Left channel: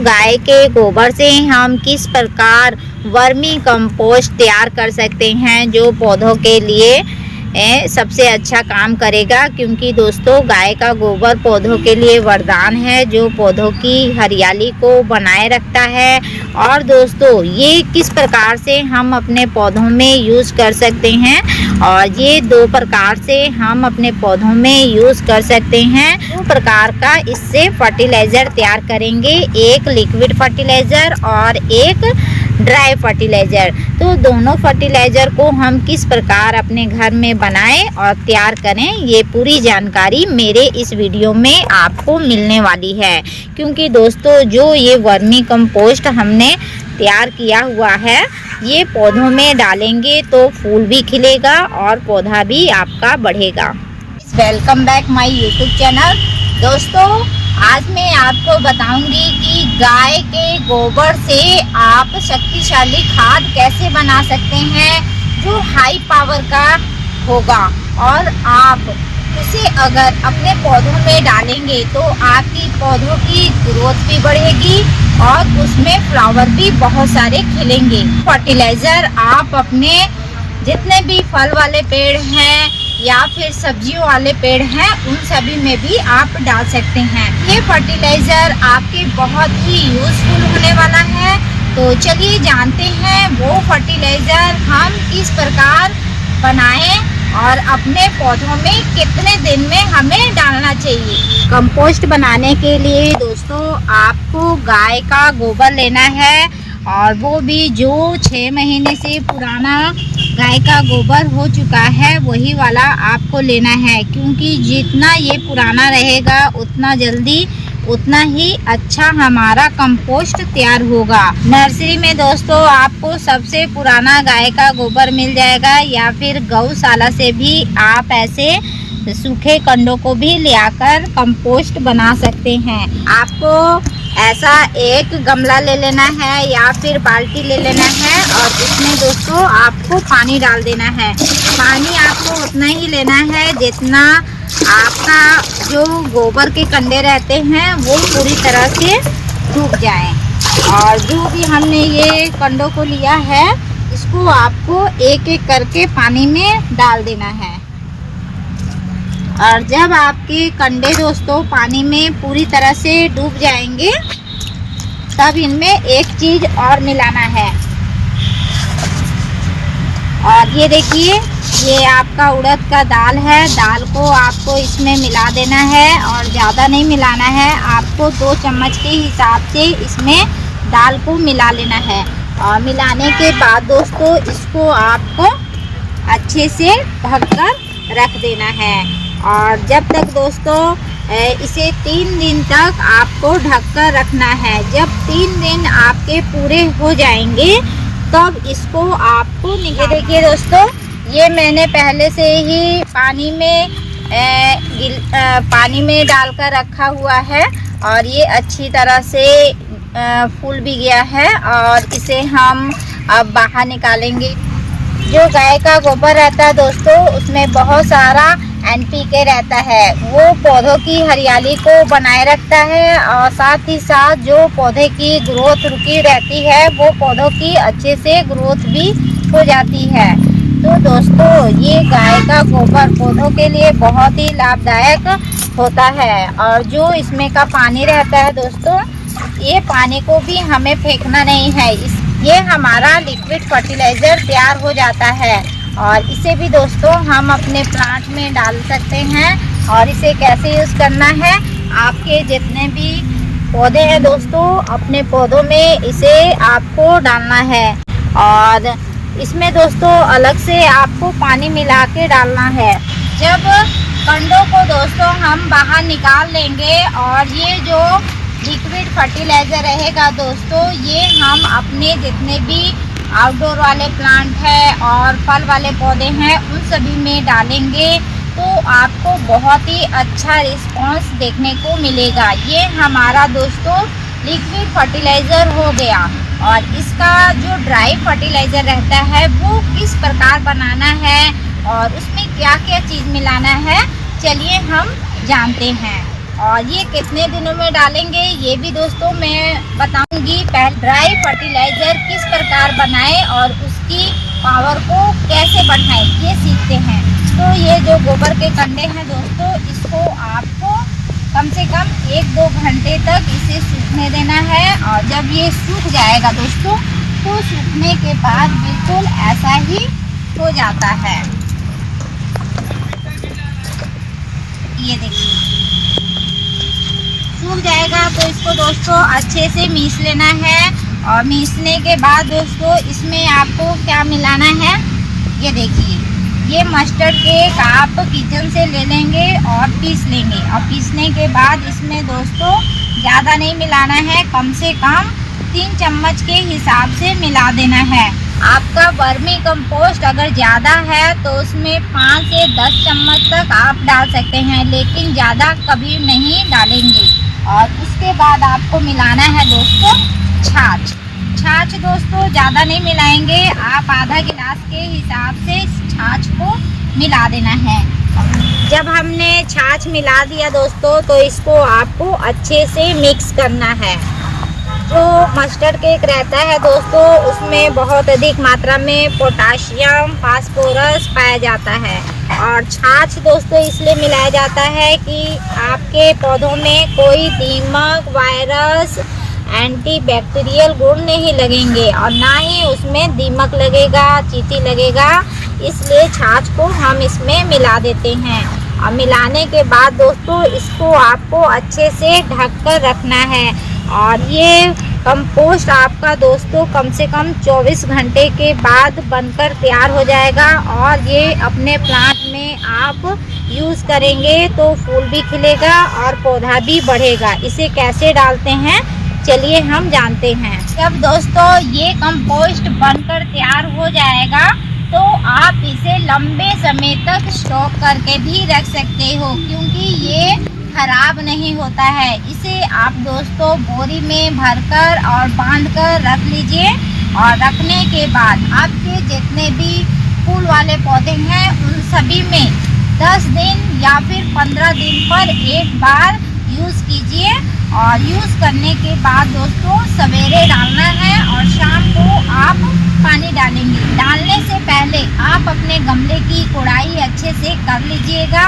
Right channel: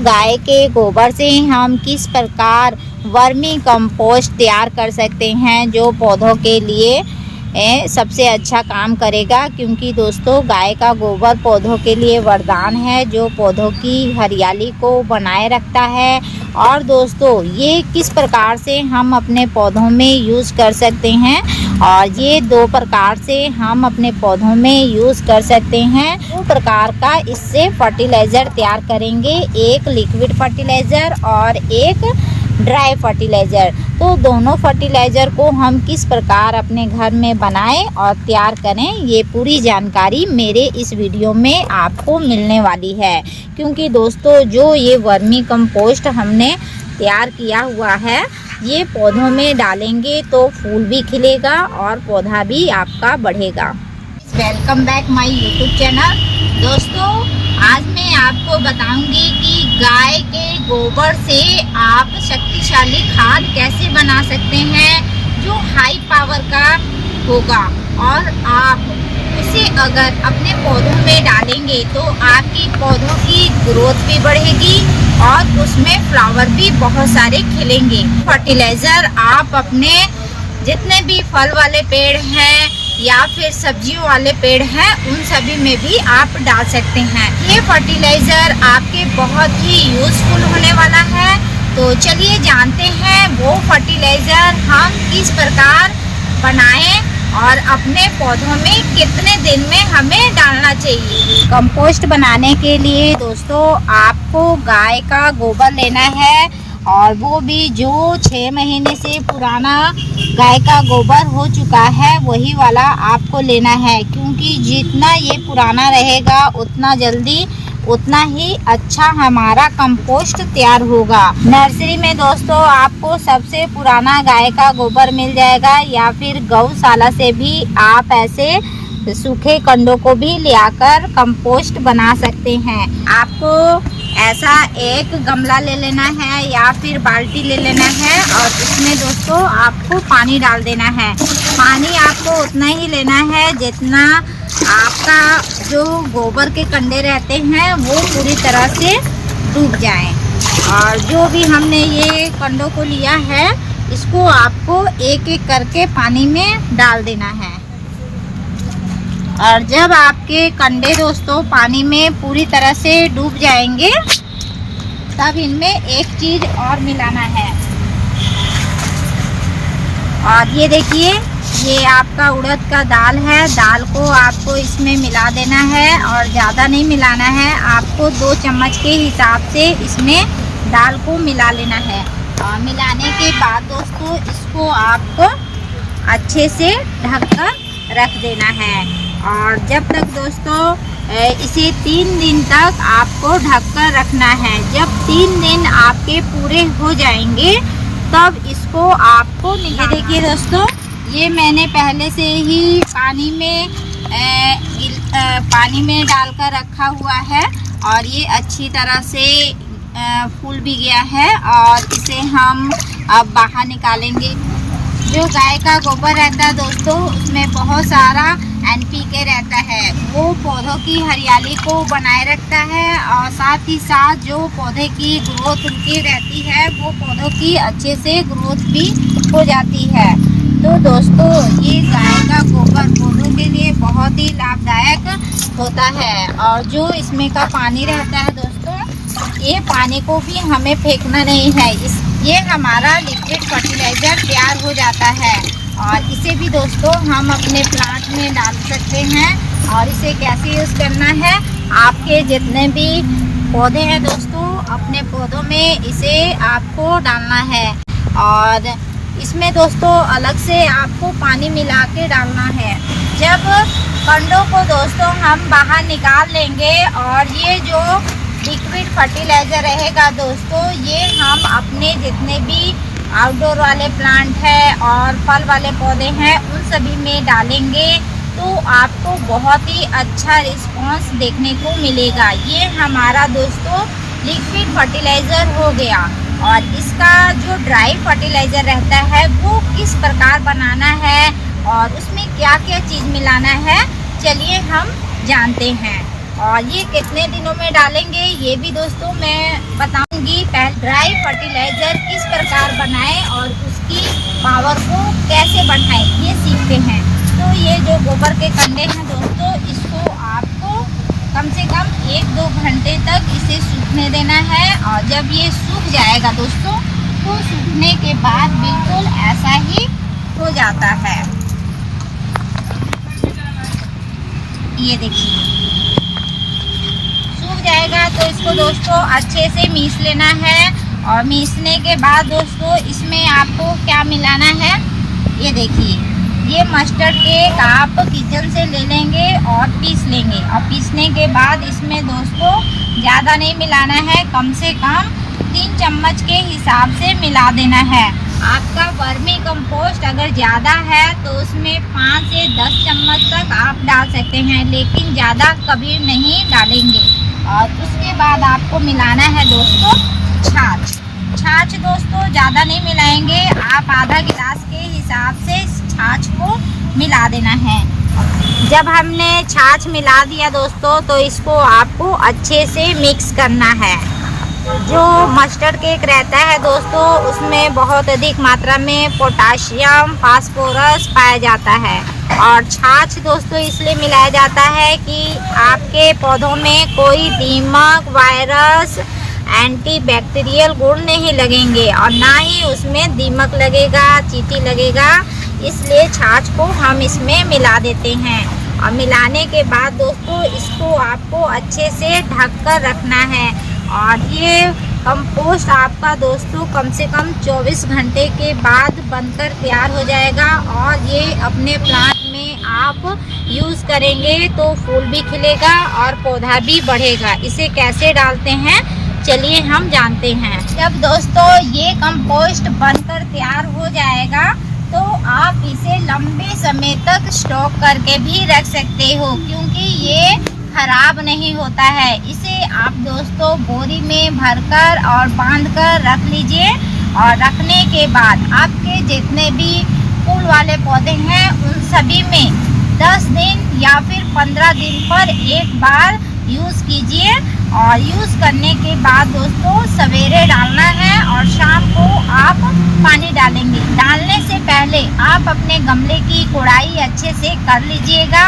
गाय के गोबर से हम किस प्रकार वर्मी कंपोस्ट तैयार कर सकते हैं जो पौधों के लिए सबसे अच्छा काम करेगा। क्योंकि दोस्तों गाय का गोबर पौधों के लिए वरदान है जो पौधों की हरियाली को बनाए रखता है। और दोस्तों ये किस प्रकार से हम अपने पौधों में यूज़ कर सकते हैं, और ये दो प्रकार से हम अपने पौधों में यूज़ कर सकते हैं। दो प्रकार का इससे फर्टिलाइज़र तैयार करेंगे, एक लिक्विड फर्टिलाइज़र और एक ड्राई फर्टिलाइज़र। तो दोनों फर्टिलाइज़र को हम किस प्रकार अपने घर में बनाएं और तैयार करें, ये पूरी जानकारी मेरे इस वीडियो में आपको मिलने वाली है। क्योंकि दोस्तों जो ये वर्मी कंपोस्ट हमने तैयार किया हुआ है ये पौधों में डालेंगे तो फूल भी खिलेगा और पौधा भी आपका बढ़ेगा। Welcome back my YouTube channel. दोस्तों आज मैं आपको बताऊंगी कि गाय के गोबर से आप शक्तिशाली खाद कैसे बना सकते हैं जो हाई पावर का होगा, और आप उसे अगर अपने पौधों में डालेंगे तो आपकी पौधों की ग्रोथ भी बढ़ेगी और उसमें फ्लावर भी बहुत सारे खिलेंगे। फर्टिलाइज़र आप अपने जितने भी फल वाले पेड़ हैं या फिर सब्जियों वाले पेड़ हैं उन सभी में भी आप डाल सकते हैं। ये फर्टिलाइज़र आपके बहुत ही यूज़फुल होने वाला है। तो चलिए जानते हैं वो फर्टिलाइज़र हम किस प्रकार बनाएं और अपने पौधों में कितने दिन में हमें डालना चाहिए। कंपोस्ट बनाने के लिए दोस्तों आपको गाय का गोबर लेना है, और वो भी जो 6 महीने से पुराना गाय का गोबर हो चुका है वही वाला आपको लेना है। क्योंकि जितना ये पुराना रहेगा उतना जल्दी उतना ही अच्छा हमारा कंपोस्ट तैयार होगा। नर्सरी में दोस्तों आपको सबसे पुराना गाय का गोबर मिल जाएगा, या फिर गौशाला से भी आप ऐसे सूखे कंडों को भी लाकर कंपोस्ट बना सकते हैं। आपको ऐसा एक गमला ले लेना है या फिर बाल्टी ले लेना है, और इसमें दोस्तों आपको पानी डाल देना है। पानी आपको उतना ही लेना है जितना आपका जो गोबर के कंडे रहते हैं वो पूरी तरह से डूब जाएं। और जो भी हमने ये कंडों को लिया है इसको आपको एक एक करके पानी में डाल देना है। और जब आपके कंडे दोस्तों पानी में पूरी तरह से डूब जाएंगे तब इनमें एक चीज़ और मिलाना है। और ये देखिए ये आपका उड़द का दाल है, दाल को आपको इसमें मिला देना है और ज़्यादा नहीं मिलाना है। आपको 2 चम्मच के हिसाब से इसमें दाल को मिला लेना है। और मिलाने के बाद दोस्तों इसको आपको अच्छे से ढककर रख देना है। और जब तक दोस्तों इसे 3 दिन तक आपको ढककर रखना है। जब 3 दिन आपके पूरे हो जाएंगे तब इसको आपको ये देखिए दोस्तों ये मैंने पहले से ही पानी में डालकर रखा हुआ है, और ये अच्छी तरह से फूल भी गया है। और इसे हम अब बाहर निकालेंगे। जो गाय का गोबर रहता है दोस्तों उसमें बहुत सारा NPK रहता है, वो पौधों की हरियाली को बनाए रखता है, और साथ ही साथ जो पौधे की ग्रोथ रुकी रहती है वो पौधों की अच्छे से ग्रोथ भी हो जाती है। तो दोस्तों ये गाय का गोबर पौधों के लिए बहुत ही लाभदायक होता है। और जो इसमें का पानी रहता है दोस्तों ये पानी को भी हमें फेंकना नहीं है। ये हमारा लिक्विड फर्टिलाइज़र तैयार हो जाता है, और इसे भी दोस्तों हम अपने प्लांट में डाल सकते हैं। और इसे कैसे यूज़ करना है, आपके जितने भी पौधे हैं दोस्तों अपने पौधों में इसे आपको डालना है। और इसमें दोस्तों अलग से आपको पानी मिला के डालना है। जब कंडों को दोस्तों हम बाहर निकाल लेंगे और ये जो लिक्विड फर्टिलाइज़र रहेगा दोस्तों ये हम अपने जितने भी आउटडोर वाले प्लांट है और फल वाले पौधे हैं उन सभी में डालेंगे तो आपको बहुत ही अच्छा रिस्पांस देखने को मिलेगा। ये हमारा दोस्तों लिक्विड फर्टिलाइज़र हो गया। और इसका जो ड्राई फर्टिलाइज़र रहता है वो किस प्रकार बनाना है और उसमें क्या क्या चीज़ मिलाना है चलिए हम जानते हैं। और ये कितने दिनों में डालेंगे ये भी दोस्तों मैं बताऊंगी। पहले ड्राई फर्टिलाइजर किस प्रकार बनाएं और उसकी पावर को कैसे बढ़ाएं ये सीखते हैं। तो ये जो गोबर के कंडे हैं दोस्तों, इसको आपको कम से कम 1-2 घंटे तक इसे सूखने देना है। और जब ये सूख जाएगा दोस्तों, तो सूखने के बाद बिल्कुल ऐसा ही हो जाता है। ये देखिए सूख जाएगा तो इसको दोस्तों अच्छे से मीस लेना है। और मीसने के बाद दोस्तों इसमें आपको क्या मिलाना है, ये देखिए ये मस्टर्ड केक आप किचन से ले लेंगे और पीस लेंगे। और पीसने के बाद इसमें दोस्तों ज़्यादा नहीं मिलाना है, कम से कम 3 चम्मच के हिसाब से मिला देना है। आपका वर्मी कंपोस्ट अगर ज़्यादा है तो उसमें 5 से 10 चम्मच तक आप डाल सकते हैं, लेकिन ज़्यादा कभी नहीं डालेंगे। और उसके बाद आपको मिलाना है दोस्तों छाछ। छाछ दोस्तों ज़्यादा नहीं मिलाएंगे, आप आधा गिलास के हिसाब से छाछ को मिला देना है। जब हमने छाछ मिला दिया दोस्तों, तो इसको आपको अच्छे से मिक्स करना है। जो मस्टर्ड केक रहता है दोस्तों, उसमें बहुत अधिक मात्रा में पोटाशियम, फास्फोरस पाया जाता है। और छाछ दोस्तों इसलिए मिलाया जाता है कि आपके पौधों में कोई दीमक, वायरस, एंटीबैक्टीरियल गुण नहीं लगेंगे और ना ही उसमें दीमक लगेगा, चींटी लगेगा। इसलिए छाछ को हम इसमें मिला देते हैं। और मिलाने के बाद दोस्तों इसको आपको अच्छे से ढक कर रखना है। और ये कंपोस्ट आपका दोस्तों कम से कम 24 घंटे के बाद बनकर तैयार हो जाएगा। और ये अपने प्लांट में आप यूज़ करेंगे तो फूल भी खिलेगा और पौधा भी बढ़ेगा। इसे कैसे डालते हैं चलिए हम जानते हैं। जब दोस्तों ये कंपोस्ट बनकर तैयार हो जाएगा तो आप इसे लंबे समय तक स्टॉक करके भी रख सकते हो, क्योंकि ये खराब नहीं होता है। इसे आप दोस्तों बोरी में भरकर और बांधकर रख लीजिए। और रखने के बाद आपके जितने भी फूल वाले पौधे हैं उन सभी में 10 दिन या फिर 15 दिन पर एक बार यूज़ कीजिए। और यूज़ करने के बाद दोस्तों सवेरे डालना है और शाम को आप पानी डालेंगे। डालने से पहले आप अपने गमले की कोड़ाई अच्छे से कर लीजिएगा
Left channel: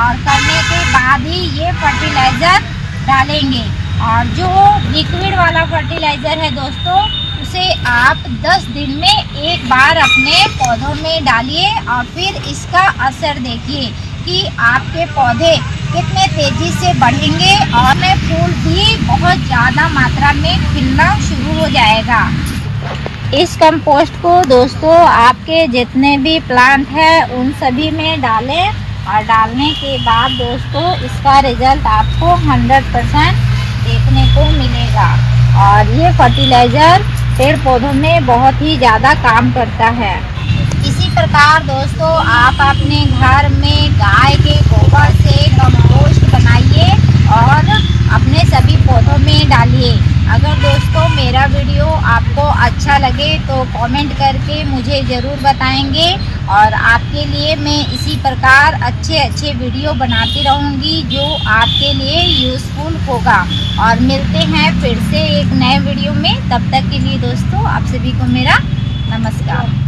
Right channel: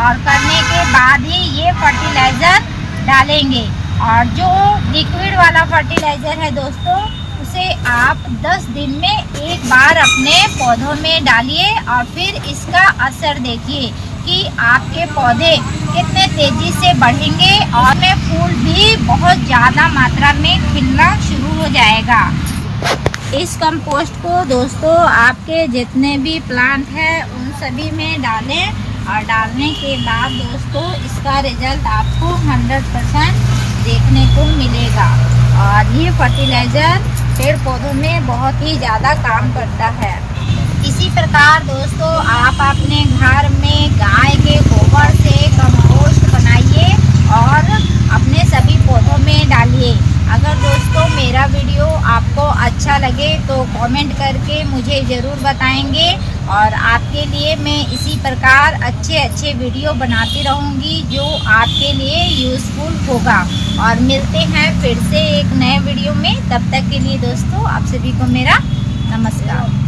और करने के बाद ही ये फर्टिलाइज़र डालेंगे। और जो लिक्विड वाला फर्टिलाइज़र है दोस्तों, उसे आप 10 दिन में एक बार अपने पौधों में डालिए और फिर इसका असर देखिए कि आपके पौधे कितने तेज़ी से बढ़ेंगे और में फूल भी बहुत ज़्यादा मात्रा में खिलना शुरू हो जाएगा। इस कंपोस्ट को दोस्तों आपके जितने भी प्लांट हैं उन सभी में डालें। और डालने के बाद दोस्तों इसका रिजल्ट आपको 100% देखने को मिलेगा। और ये फर्टिलाइज़र पेड़ पौधों में बहुत ही ज़्यादा काम करता है। इसी प्रकार दोस्तों आप अपने घर में गाय के गोबर से कंपोस्ट बनाइए और अपने सभी पौधों में डालिए। अगर दोस्तों मेरा वीडियो आपको अच्छा लगे तो कमेंट करके मुझे ज़रूर बताएंगे। और आपके लिए मैं इसी प्रकार अच्छे वीडियो बनाती रहूँगी जो आपके लिए यूज़फुल होगा। और मिलते हैं फिर से एक नए वीडियो में। तब तक के लिए दोस्तों आप सभी को मेरा नमस्कार।